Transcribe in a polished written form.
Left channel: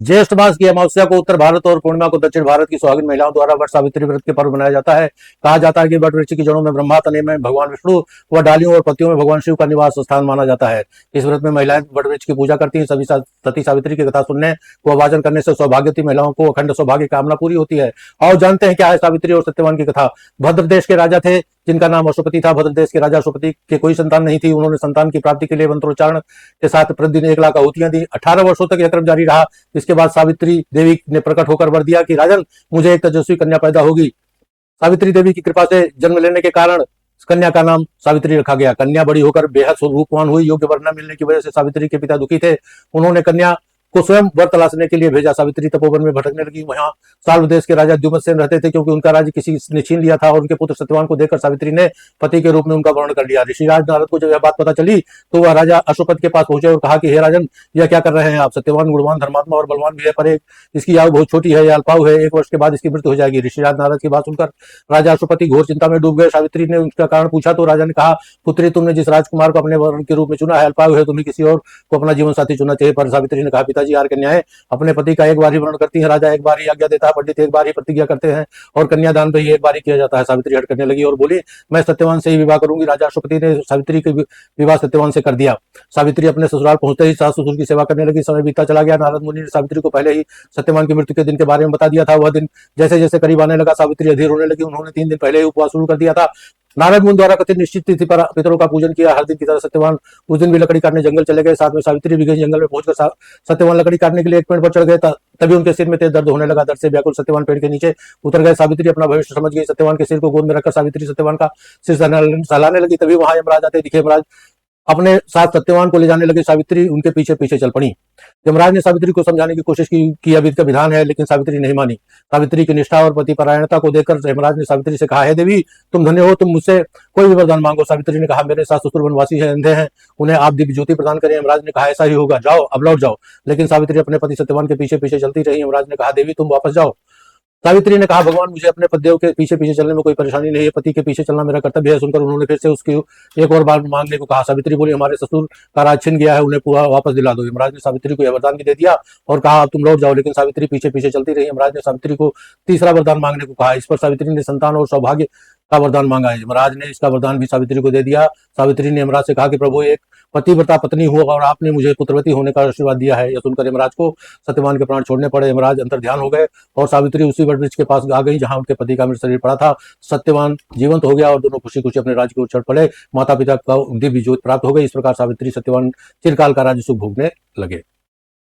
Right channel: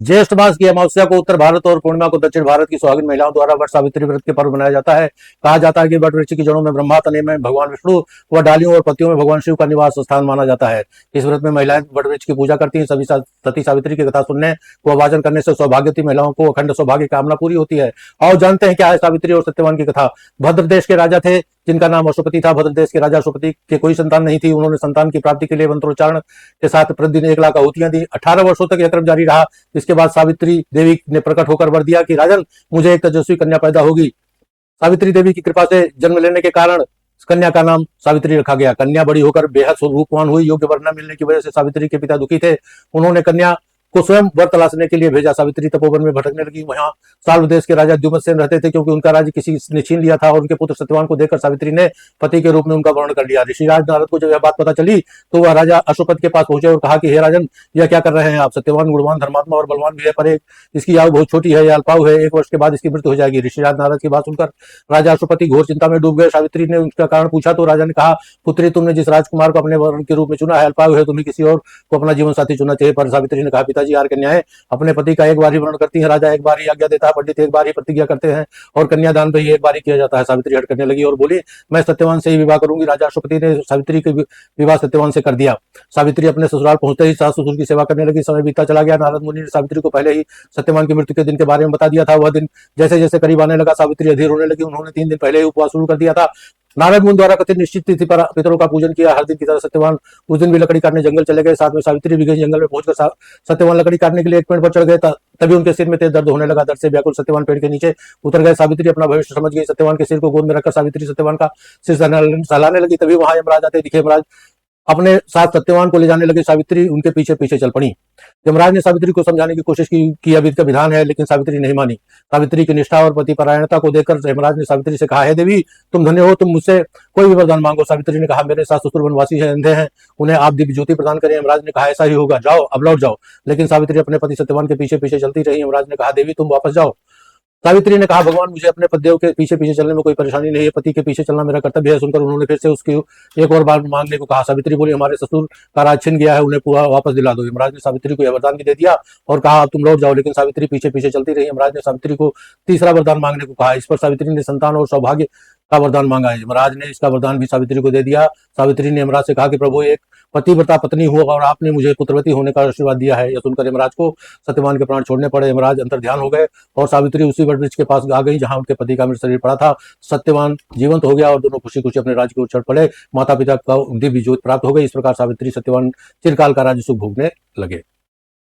ज्येष्ठ मास की अमावस्या को उत्तर भारत और पूर्णिमा को दक्षिण भारत की सुहागिन महिलाओं द्वारा वट सावित्री व्रत के पर्व मनाया जाता है। कहा जाता है कि वट वृक्ष की जड़ों में ब्रह्मा, तने में भगवान विष्णु व डालियों और पत्तियों में भगवान शिव का निवास स्थान माना जाता है। इस व्रत में महिलाएं वट वृक्ष की पूजा करती हैं। सभी सती सावित्री की कथा सुनने व वाचन करने से सौभाग्यवती महिलाओं को अखंड सौभाग्य कामना पूरी होती है। और जानते हैं क्या है सावित्री और सत्यवान की कथा। भद्र देश के राजा थे जिनका नाम अशुपति था। भद्र देश के राजा अशुपति के कोई संतान नहीं थी। उन्होंने संतान की प्राप्ति के लिए मंत्रोच्चारण के साथ प्रतिदिन 1 लाख आहुतियां दी। 18 वर्षों तक यह क्रम जारी रहा। इसके बाद सावित्री देवी ने प्रकट होकर वर दिया कि राजन, मुझे एक तेजस्वी कन्या पैदा होगी। सावित्री देवी की कृपा से जन्म लेने के कारण कन्या का नाम सावित्री रखा गया। कन्या बड़ी होकर बेहद रूपवान हुई। योग्य वर न मिलने की वजह से सावित्री के पिता दुखी थे। उन्होंने कन्या को स्वयं वर तलाशने के लिए भेजा। सावित्री तपोवन में भटकने लगी। वहां साल्व देश के राजा द्युमत्सेन रहते थे, क्योंकि उनका राज्य किसी ने छीन लिया था और उनके पुत्र सत्यवान को देखकर सावित्री ने पति के रूप में उनका वर्ण कर लिया। ऋषिराज नारद को जब यह बात पता चली तो वह राजा अशोपत के पास पहुंचे और कहा कि हे राजन, यह क्या कर रहे हैं आप। सत्यवान गुणवान, धर्मात्मा और बलवान भी है, पर इसकी आयु बहुत छोटी है, यह अल्पायु है। 1 वर्ष के बाद इसकी मृत्यु हो जाएगी। ऋषिराज नारद की बात सुनकर राजा अशोपति घोर चिंता में डूब गए। सावित्री ने उसका कारण पूछा तो राजा ने कहा, पुत्री, तुमने जिस राजकुमार को अपने वर्ण के रूप में चुना है अल्पायु है, तुम्हें किसी और को अपना जीवन साथी चुनना चाहिए। पर सावित्री ने कहा, पिताजी, यार कन्याएं अपने पति का एक बार ही वर्ण करती है। राजा एक बार ही आज्ञा देता है, पंडित एक बार ही प्रतिज्ञा करते हैं और कन्यादान भी एक बार ही किया जाता है। सावित्री हट करने लगी और बोली, मैं सत्यवान से ही विवाह करूंगी। राजा अशोपति ने सावित्री के विवाह सत्यवान से कर दिया। सावित्री अपने ससुराल पहुंचते ही सास ससुर की सेवा करने लगी। समय बीतता चला गया। नारद मुनि ने सावित्री को पहले ही सत्यवान की मृत्यु के दिन के बारे में बता दिया था। वह दिन जैसे जैसे करीब आने लगा, सावित्री अधीर होने लगी। उन्होंने 3 दिन पहले ही उपवास शुरू कर दिया था। नारद मुनि द्वारा कथित निश्चित तिथि पर पितरों का पूजन किया। हर दिन की तरह सत्यवान उस दिन भी लकड़ी काटने जंगल चले गए। साथ में सावित्री भी गई। जंगल में पहुंचकर सत्यवान लकड़ी काटने के लिए एक पेड़ पर चढ़ गए। तभी उनके सिर में तेज दर्द होने लगा। दर्द से व्याकुल सत्यवान पेड़ के नीचे उतर गए। सावित्री अपना भविष्य समझ गई। सत्यवान के सिर को गोद में रखकर सावित्री सत्यवान का सिर सहलाने लगी। तभी वहां यमराज आते दिखे। यमराज अपने साथ सत्यवान को ले जाने लगे। सावित्री उनके पीछे पीछे चल पड़ी। यमराज ने सावित्री को समझाने की कोशिश की अभी का विधान है, लेकिन सावित्री नहीं मानी। सावित्री की निष्ठा और पतिपरायणता को देखकर यमराज ने सावित्री से कहा, हे देवी, तुम धन्य हो, तुम मुझसे क्यों वरदान मांगे। सावित्री ने कहा, मेरे सास ससुर वनवासी हैं, मैं उन्हें आज्ञा भी जो दी थी उनके लिए यमराज ने कहा, सही हो, जाओ, अब लौट जाओ। लेकिन सावित्री अपने पति सत्यवान के पीछे पीछे चलती रही। यमराज ने कहा, देवी, तुम वापस चल। सावित्री ने कहा, भगवान, मुझे अपने पतिदेव के पीछे पीछे चलने में कोई परेशानी नहीं है। पति के पीछे चलना मेरा कर्तव्य है। सुनकर उन्होंने फिर से उसकी एक और बार मांगने को कहा। सावित्री बोली, हमारे ससुर का राज छिन गया है, उन्हें पूरा वापस दिला दो। यमराज ने सावित्री को यह वरदान भी दे दिया और कहा, अब तुम लौट जाओ। लेकिन सावित्री पीछे पीछे चलती रही। यमराज ने सावित्री को तीसरा वरदान मांगने को कहा। इस पर सावित्री ने संतान और सौभाग्य का वरदान मांगा है। यमराज ने इसका वरदान भी सावित्री को दे दिया। सावित्री ने यमराज से कहा कि प्रभु, एक पतिव्रता पत्नी हूँ और आपने मुझे पुत्रवती होने का आशीर्वाद दिया है। यह सुनकर यमराज को सत्यवान के प्राण छोड़ने पड़े। यमराज अंतर ध्यान हो गए और सावित्री उसी वट वृक्ष के पास आ गई जहां उनके पति का मृत शरीर पड़ा था। सत्यवान जीवंत हो गया और दोनों खुशी खुशी अपने राज्य की ओर चढ़ पड़े। माता पिता को दिव्य ज्योति प्राप्त हो गई। इस प्रकार सावित्री सत्यवान चिरकाल का राज्य सुख भोगने लगे।